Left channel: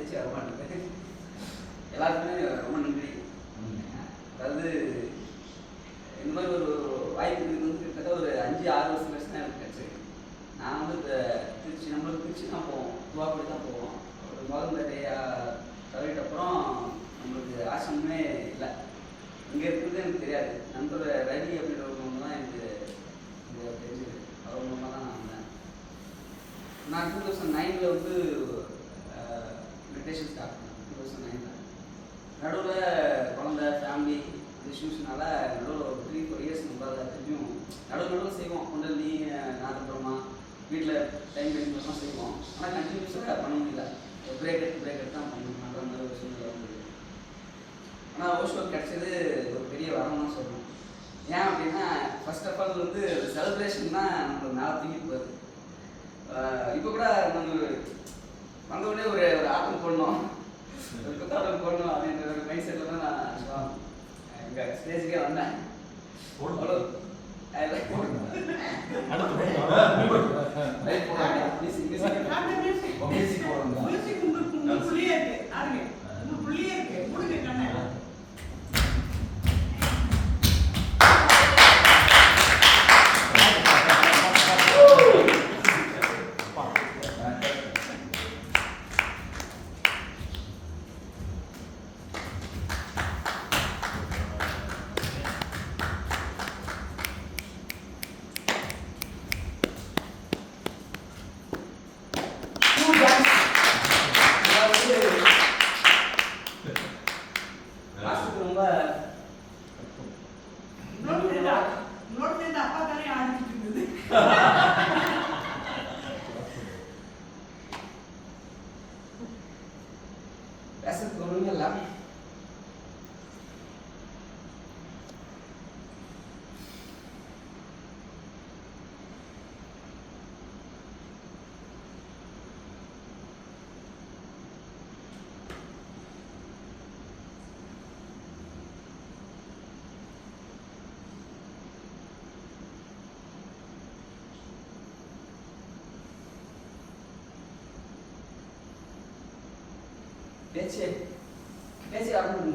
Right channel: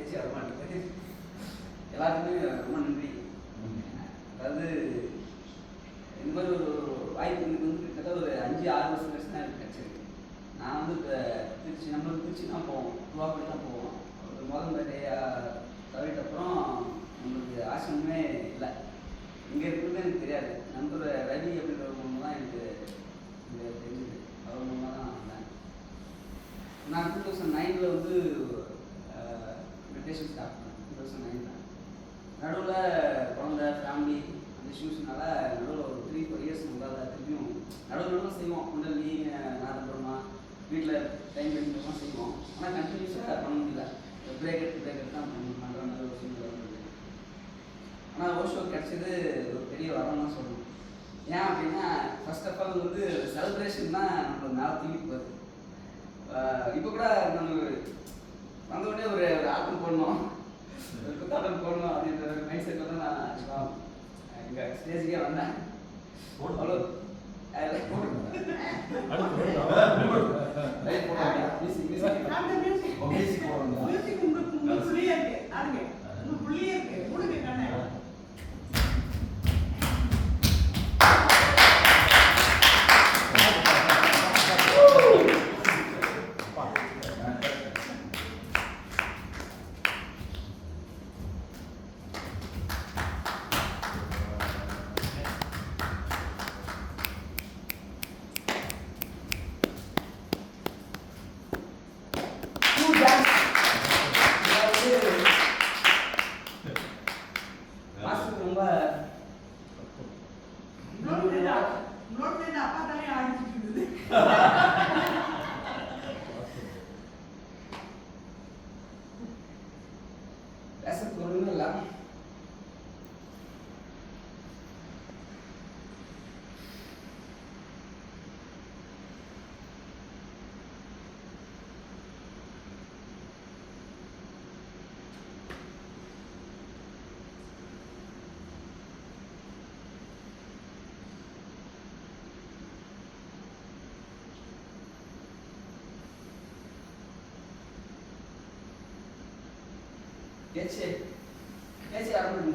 பேச்சு வர மாட்டேங்குது. எல்லாருக்குமே ரொம்ப நன்றி. அதாவது இந்த மாதிரி ஒரு வாய்ப்பு எனக்கு வந்து கிட்டத்தட்ட ஒரு 5-6 வருஷம் கழிச்சு தான் எனக்கு கிடச்சிருக்கு. நான் வந்து திருச்சி, நம்மளுக்கு திருச்சி தான் போவோம், துவாக்குடி தான் போவோம். ஒரு முதல் தவிர்த்த அப்புறம் நம்மளுக்கு ஆசிரமே இல்லை. இங்கே இருக்கிறது எனக்கு தெரியாது. நண்பர் ரவி அப்படின்றவங்க தான் எனக்கு இங்கே தெரிஞ்சுது. அவர் மூலமாக தான் நான் வந்தேன். நான் 2009 வந்து மெடிடேஷன் ஸ்டார்ட் பண்ணேன். 2009 நடுவில் குழந்தை ஃபேமிலி இஷ்யூஸ்னால நடுவில் ஒரு 3-4 இயர்ஸ் நம்மளால் திரும்பியும் நடுவில் செய்வோம். குண்டலினி நாதபிரமா வீட்டில் டைம் கிடைக்கும் செய்வோம். ஆனால் கண்டினியூஸாக பண்ண முடியல. பிரேக் எடுத்து தான் பண்ணுற மாதிரி ஒரு சூழ்நிலை வந்தது. ஆனால் ஓஷோ கிடைச்சது ஒரு பெரிய வரம்னு சொல்லணும். ஏன் அப்படின்னா ஃபர்ஸ்ட் ஆஃப் ஆல் வந்து செலிப்ரேஷன் தான் நம்மளோட மேலே தூக்கி போகுது. இப்போ கூட நம்ம வந்தவுடனே ஒரு ஆட்டம் போடணும், ஒரு குத்தாட்டம் போடணும் அப்படின்ற ஒரு மைண்ட் செட்டில் தான் நான் இங்கே ஸ்டேஜுக்கே வந்தேன். அவ்வளோ பேசுறதுக்கு ஒன்றும் இல்லை. பேச்சு வரணும்.